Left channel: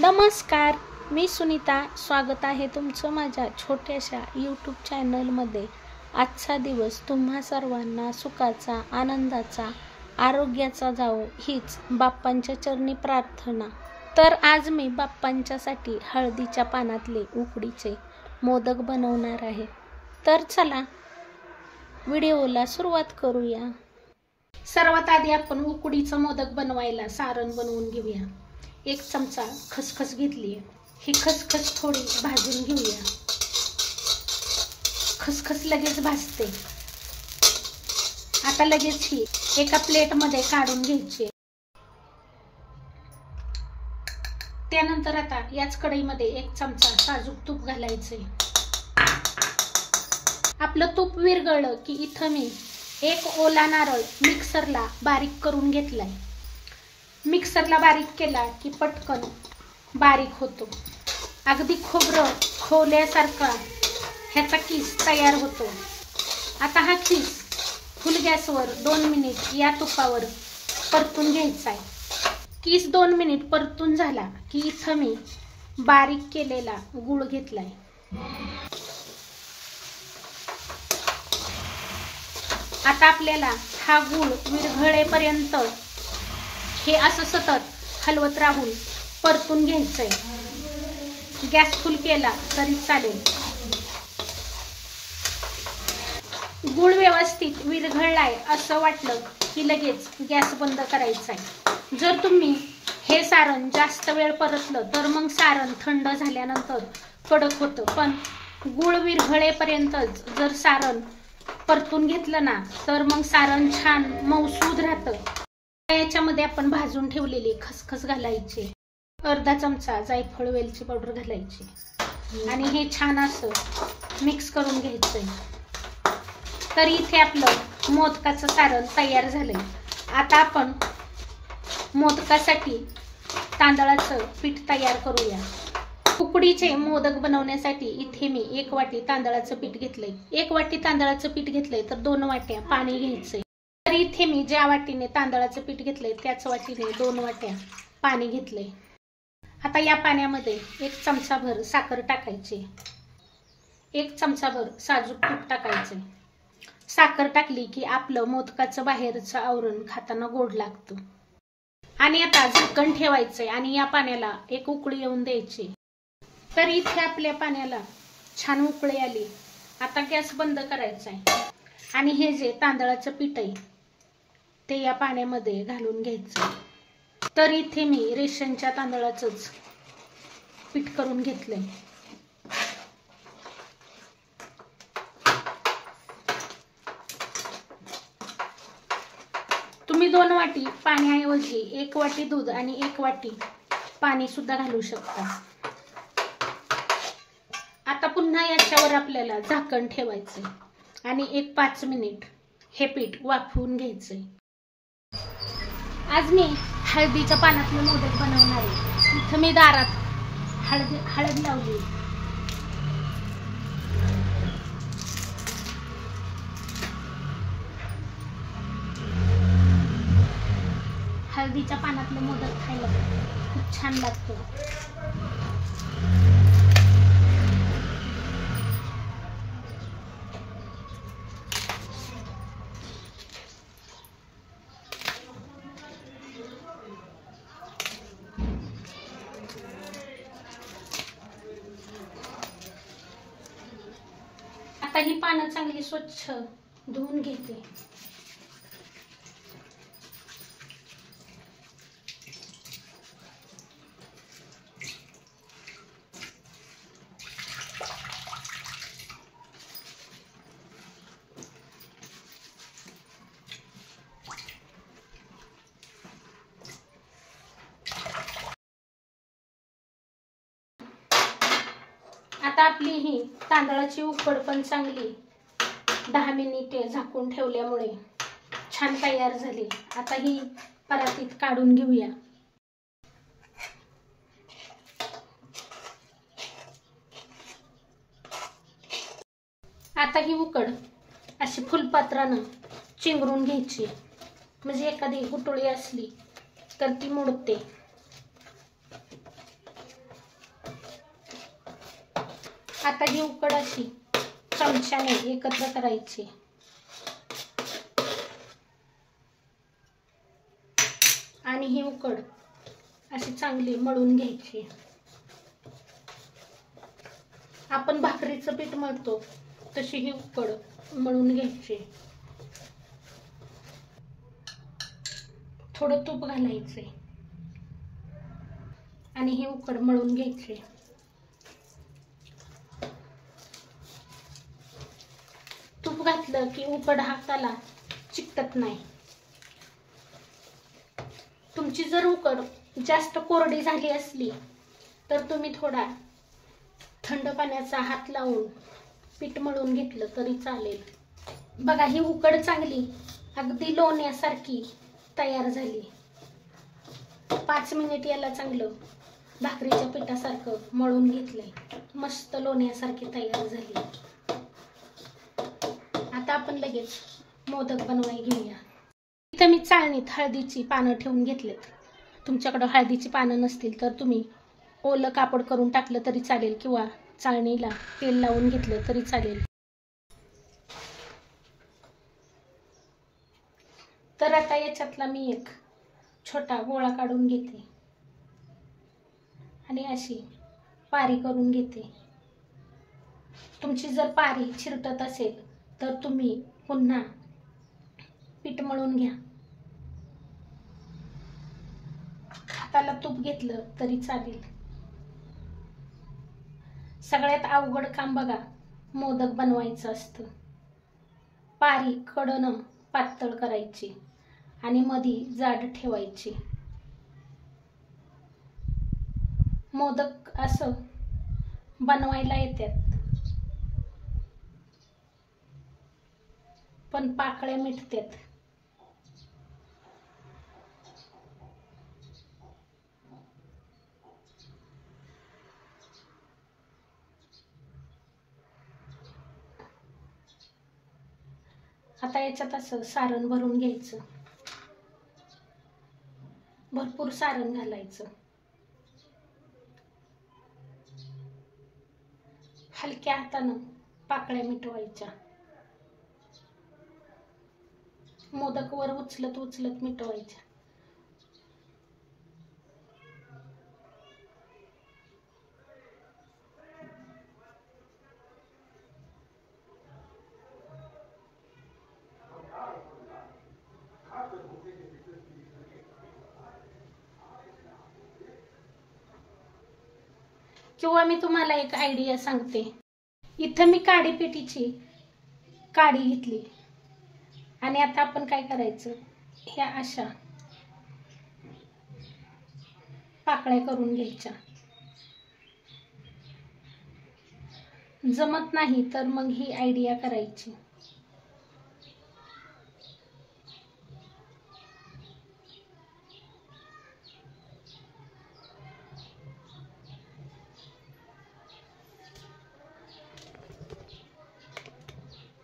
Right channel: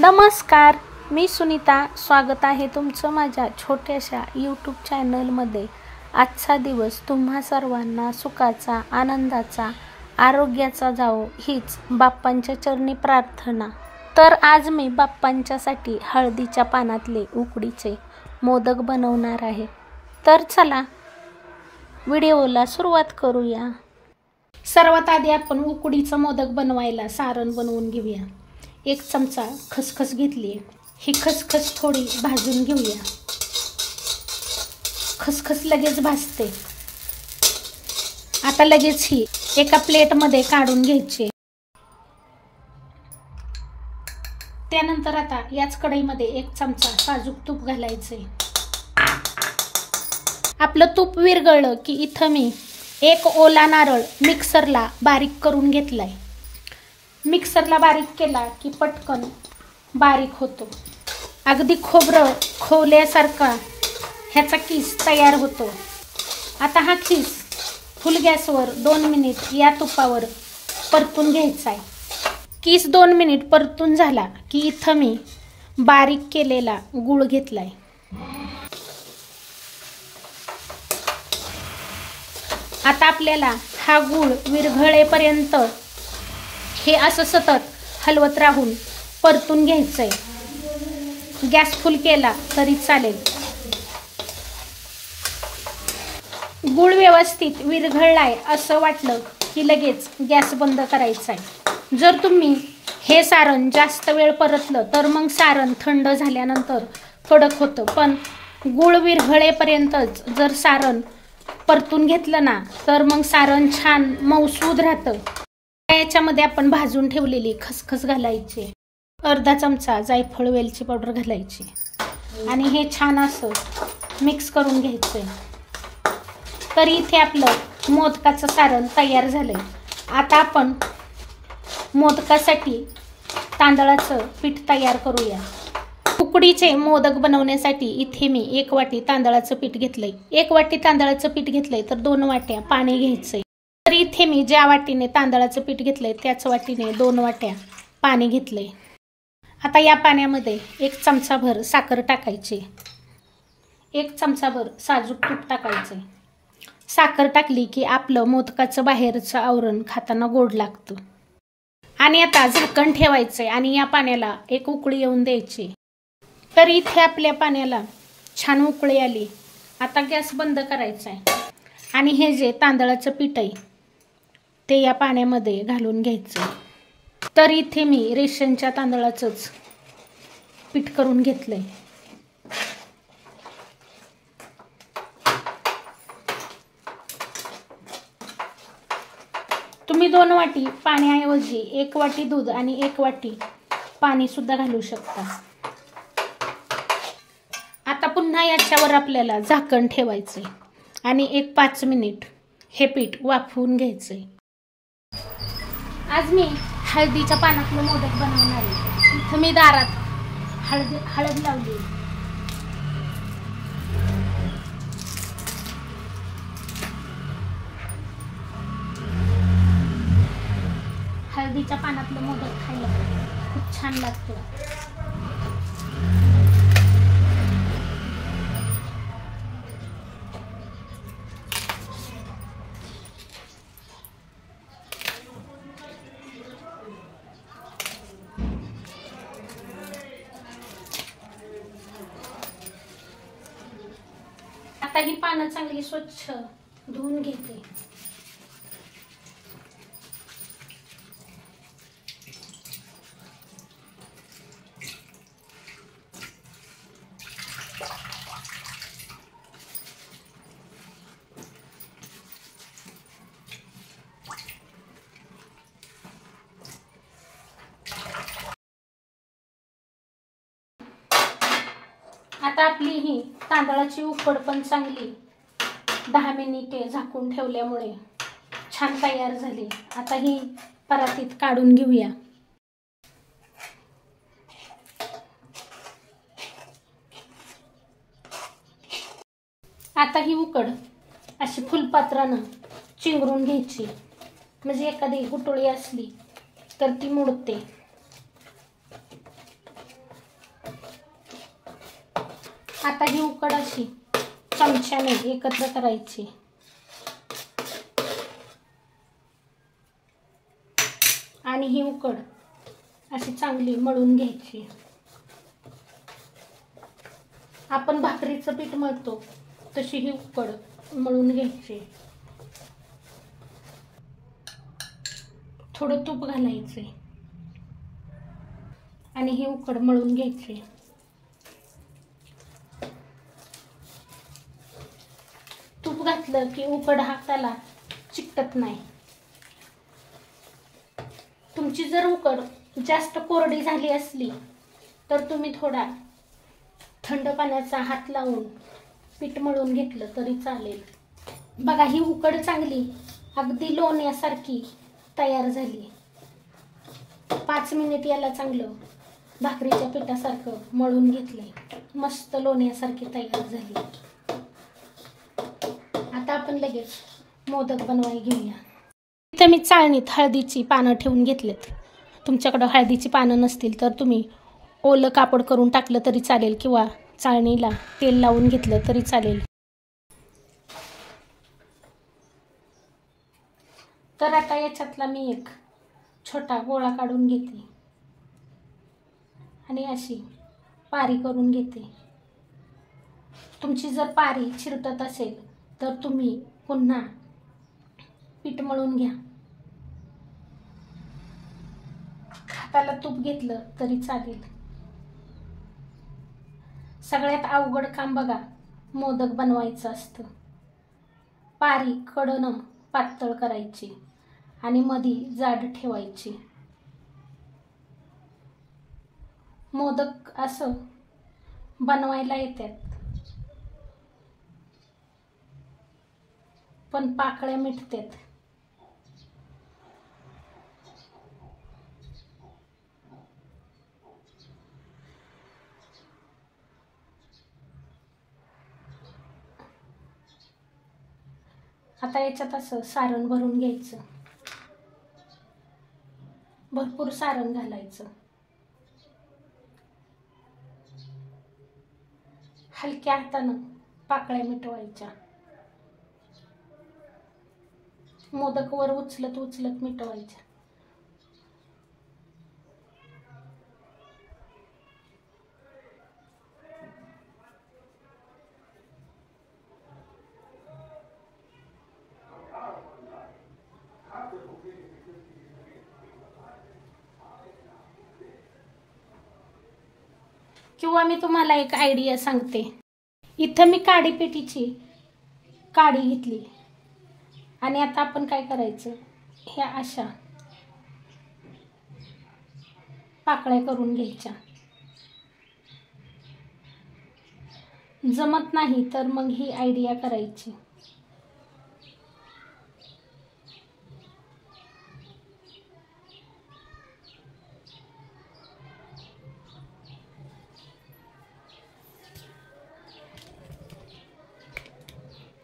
नमस्कार, मी सुनीता. स्वागत आहे तुमचं माझ्या छोट्याशा यूट्यूब चॅनलमध्ये. आजचा दिवस तुम्हा सर्वांना सुखाचा, आनंदाचा, आरोग्याचा जावो हीच बाप्पांच्या चरणी प्रार्थना. तर आज मी बाप्पांच्यासाठी हळदीच्या पानातले उकडीचे मोदक बनवणार आहे. तर चला व्हिडिओला सुरुवात करूया. सर्वात आधी आपण उकडीचं मोदक बनवायला सारण बनवून घेऊया. 1 चमचा खसखस घेतली. ही खसखस थोडी भाजून घेऊया. खसखस लगेच भाजते. आता लगेच ही एका प्लेटमध्ये काढून घ्यायची. त्यानंतर आता याच कढईमध्ये 1 चमचा साजूक तूप घालायचे. आपलं तूप विरघळलं की इथं मी 1 ओला नारळ मिक्सरला बारीक करून घेतलाय. मिक्सरला बारीक केला की पटकन बारीक होतो. अगदी खोबरं खोवल्यासारखा ह्याचा किस तयार होतो. आता हा किस फुल गॅसवर 2 मिनिट या तुपावर परतून घ्यायचा आहे. किस 2 मिनिट परतून झाला की इथं मी बारीक केलेला गूळ घेतलाय. आता आपल्याला हा गूळ विरघळेपर्यंत हे असं सतत हलवत राहून परतून घ्यायचंय. गॅस फुल केला तरी चालेल. गूळ व्यवस्थित विरघळलाय असं वाटलं की लगेच गॅस बंद करायचा आहे. जर तुम्ही हे सारण जास्त वेळ परतलं तर मग सारण थंड झाल्यानंतर कडक होतं. पण गूळ विरघळेपर्यंतच जर सारण परतून घेतलं ना तर मग सारण छान मऊसूद राहतं. याच्यामध्ये आपण भाजून ठेवलेली खसखस घालायची. अर्धा चमचा जायफळ वेलची पावडर घालायची आणि हे छान असं मिक्स करून घ्यायचंय. तर इथे आपलं मोदकाचं सारण तयार झालंय. आता आपण मोदकासाठी तांदळाचं पीठ तयार करूया. उकडीचे मोदक बनवण्यासाठी इथे मी 1 वाटी तांदळाचं पीठ घेतलंय. 1 वाटी तांदळाचं पीठ घेतलंय तर 2 वाट्या पाणी घ्यायचंय. तर इथे मी ज्या वाटीने तांदळाचं पीठ घेतलंय त्याच वाटीने 2 वाट्या पाणी घेतलंय. आता या पाण्यामध्ये 1 चमचाभर साखर टाकायची. 1 चमचाभर साजूक तूप टाकायचंय. साखर टाकली की आपलं मोदकाचं बाहेरचं आवरण खाताना गोड लागतं. आणि आता झाकण ठेवायचंय आणि या पाण्याला 1 उकळी येऊन द्यायची. तर इथे आपल्या पाण्याला छान उकळी आली. आता गॅस बंद करायचा आहे आणि हे जे तांदळाचं पीठ आहे ते या पाण्यामध्ये घालून घ्यायचं. तर इथे मी रेशनच्या तांदळाचंच पीठ करून घेतलंय. तुम्ही 2 वाटी पाण्याऐवजी 1 वाटी दूध आणि 1 वाटी पाणी सुद्धा घालू शकता. आता पुन्हा याच्यावर आपल्याला झाकण ठेवायचंय आणि 5 मिनिट हे पीठ वाफवून घ्यायचंय. आज मी हळदीच्या पानातलं मोदक बनवणार आहे. इथं मी दारात हळद लावली. हळदीच्या पानातलं मोदक खायला खूप छान लागतं. आता ही पानं चांगली स्वच्छ धुवून घेते. आता आपली ही तांदळाची उकड पण चांगली 10 मिनिटे झाकून ठेवल्यामुळे छान तयार झाली. आता ही परातीत काढून घेऊया. आता ही उकड अशी फुलपात्रानं चिंगरून घ्यायची. म्हणजे एखादी गुटळी असली तर ती मोडते. आता ही उकड अशी चमच्याने एकत्र करायची आणि ही उकड अशी चांगली मळून घ्यायची। आपण भाकरीचं पीठ मळतो तशी ही उकड मळून घ्यायची। थोडं तूप घालायचे आणि ही उकड मळून घ्यायची। तूप घातलं की उकड हाताला चिकटत नाही। तुमची जर उकड जास्त कोरडी झाली असली तर तुम्ही थोडा थंड पाण्याचा हात लावून पीठ मळून घेतलं तरी चालेल। बघा ही उकड चांगली अगदी लोण्यासारखी तयार झाली। 5 मिनिट याला चांगलं भाकरीच्या पिठासारखं मळून घेतलंय, मस्त लोण्यासारखी तयार झाली। आता आपण लगेच मोदक बनवायला घेऊया। इथे मी चाळणीत हळदीची पानं ठेवून घेतलेत। तुमच्याकडे हळदीची पानं नसतील तर तुम्ही ओलं कापड करून टाकलं तरी चालेल किंवा चाळणीला तेल लावून घेतलं तरी चालेल। तर आता याच्यातला मी एक छोटा गोळा काढून घेते आणि अशी पारी करून घेते। तुमची जर पारी चिरटत असेल तर तुम्ही पुन्हा पीठ मळून घ्या। हाताला तूप घेतलं तरी चालेल। सगळ्यात अवघड काम बघा मोदक बनवायचं असतं। पारी कडनं पातळ करायची आणि मधी जाड ठेवायची। मोदक असं बनवायला येतात पण पाकळ्या मिटतात। आता याच्यात असं सारण भरून घ्यायचं, भरपूर सारण घालायचं। हलक्या हातानं पाकळ्या मिटवायच्या। मोदक वर उचलत उचलत मिटवायच्या। किंवा मी तुम्हाला एक आयडिया सांगते। इथं मी काडी पेटीची काडी घेतली आणि आता आपण काय करायचं, ह्या अशा पाकळ्या करून घ्यायच्या। जमत नाही तर मग ही आयडिया करायची।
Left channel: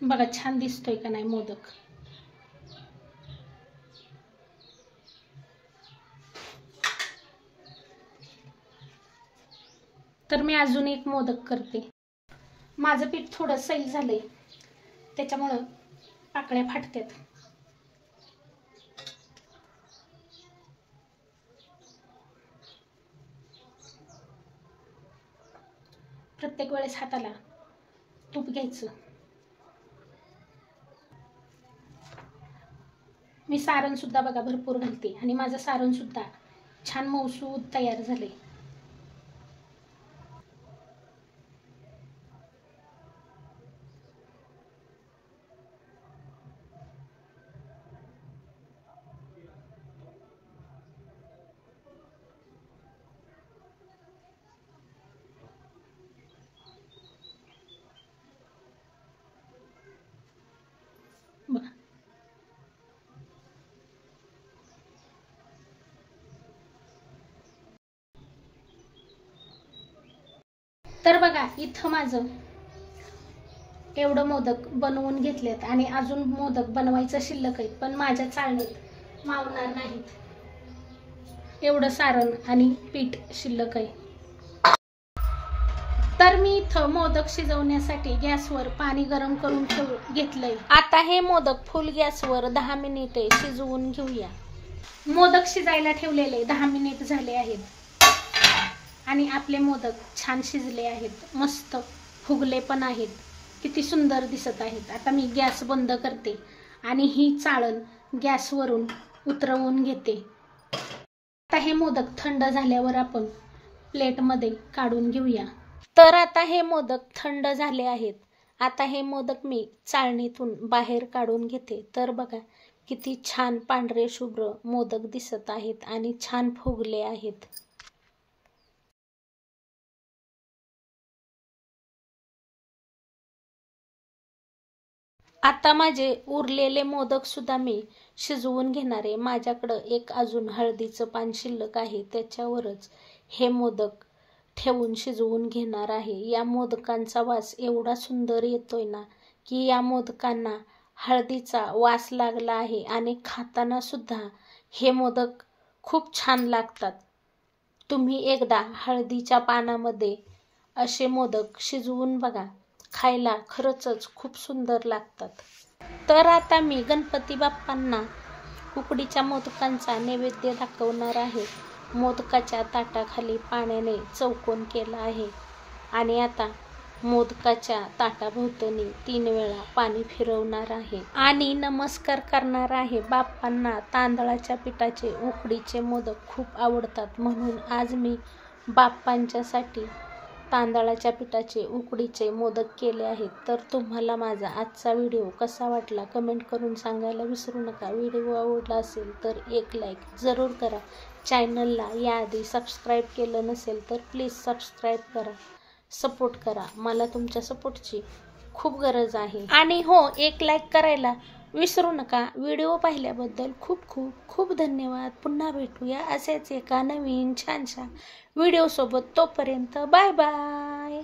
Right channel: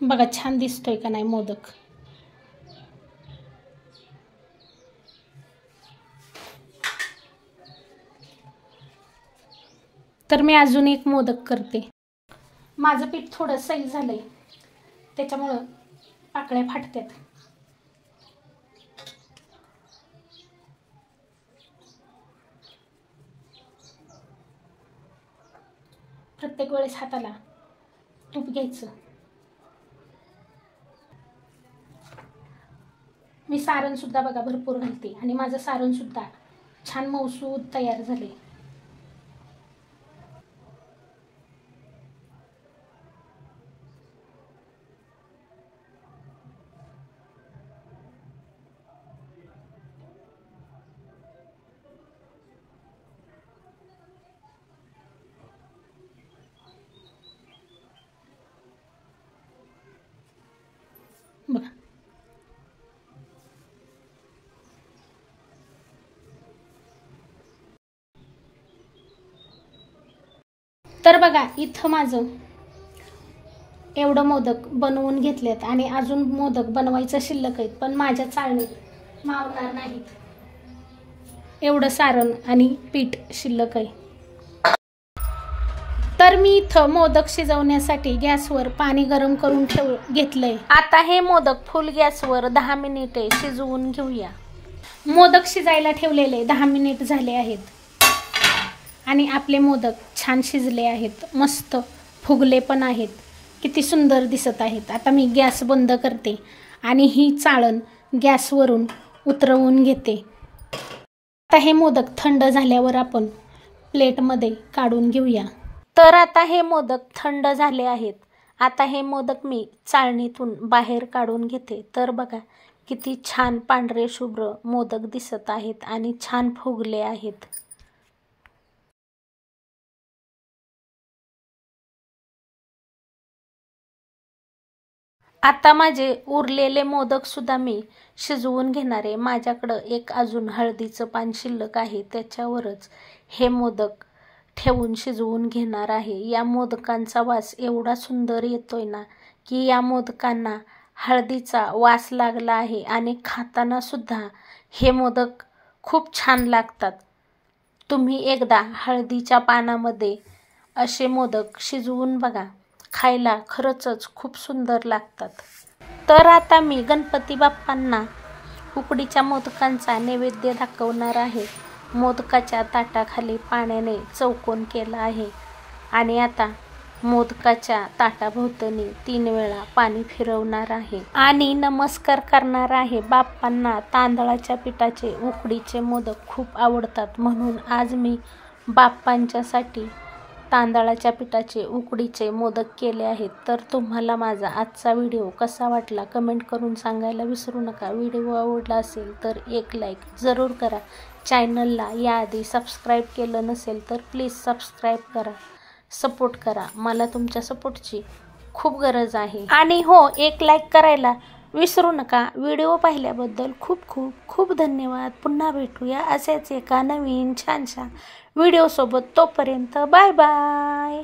बघा छान दिसतोय का नाही मोदक। तर मी अजून एक मोदक करते। माझं पीठ थोडं सैल झालंय त्याच्यामुळं पाकळ्या फाटतात। प्रत्येक वेळेस हाताला तूप घ्यायचं। मी सारण सुद्धा बघा भरपूर घालते आणि माझं सारण सुद्धा छान मऊसूद तयार झाले। बघा तर बघा इथं माझं एवढं मोदक बनवून घेतलेत आणि अजून मोदक बनवायचं शिल्लक आहेत, पण माझ्या चाळणीत मावणार नाहीत एवढं सारण आणि पीठ शिल्लक आहे। तर मी इथं मोदक शिजवण्यासाठी गॅसवर पाणी गरम करून घेतलंय। आता हे मोदक फुल गॅसवर 10 मिनिटे शिजवून घेऊया। मोदक शिजायला ठेवलेले 10 मिनिट झाले आहेत आणि आपले मोदक छान शिजले आहेत, मस्त फुगले पण आहेत, किती सुंदर दिसत आहेत। आता मी गॅस बंद करते आणि ही चाळण गॅसवरून उतरवून घेते। आता हे मोदक थंड झाल्यावर आपण प्लेटमध्ये काढून घेऊया। तर आता हे मोदक थंड झाले आहेत। आता हे मोदक मी चाळणीतून बाहेर काढून घेते। तर बघा किती छान पांढरे शुभ्र मोदक दिसत आहेत आणि छान फुगले आहेत। आता माझे उरलेले मोदक सुद्धा मी शिजवून घेणार आहे। माझ्याकडं एक अजून हळदीचं पान शिल्लक आहे, त्याच्यावरच हे मोदक ठेवून शिजवून घेणार आहे। या मोदकांचा वास एवढा सुंदर येतोय ना की या मोदकांना हळदीचा वास लागला आहे आणि खाताना सुद्धा हे मोदक खूप छान लागतात। तुम्ही एकदा हळदीच्या पानामध्ये असे मोदक शिजवून बघा, खायला खरंच खूप सुंदर लागतात। तर आता मी गणपती बाप्पांना उकडीच्या मोदकांचा नैवेद्य दाखवणार आहे। मोदकाच्या ताटाखाली पाण्याने चौकोन केला आहे आणि आता मोदकाच्या ताटाभोवतणी 3 वेळा पाणी फिरवणार आहे आणि नमस्कार करणार आहे बाप्पांना। तांदळाच्या पिठाचे उकडीचे मोदक खूप आवडतात, म्हणून आज मी बाप्पांच्यासाठी तांदळाच्या पिठाचे उकडीचे मोदक केले आहेत। तर तुम्हाला माझा आजचा व्हिडिओ कसा वाटला कमेंट करून सांगायला विसरू नका। व्हिडिओ आवडला असेल तर एक लाईक जरूर करा। चॅनलला याआधी सबस्क्राईब केलं नसेल तर प्लीज सबस्क्राईब करा, सपोर्ट करा। मला तुमच्या सपोर्टची खूप गरज आहे। आणि हो, एक लाईक करायला विसरू नका। व्हिडिओ पाहिल्याबद्दल खूप खूप खूप धन्यवाद। पुन्हा भेटूया असेच एका नवीन छानशा व्हिडिओ सोबत। तोपर्यंत बाय बाय।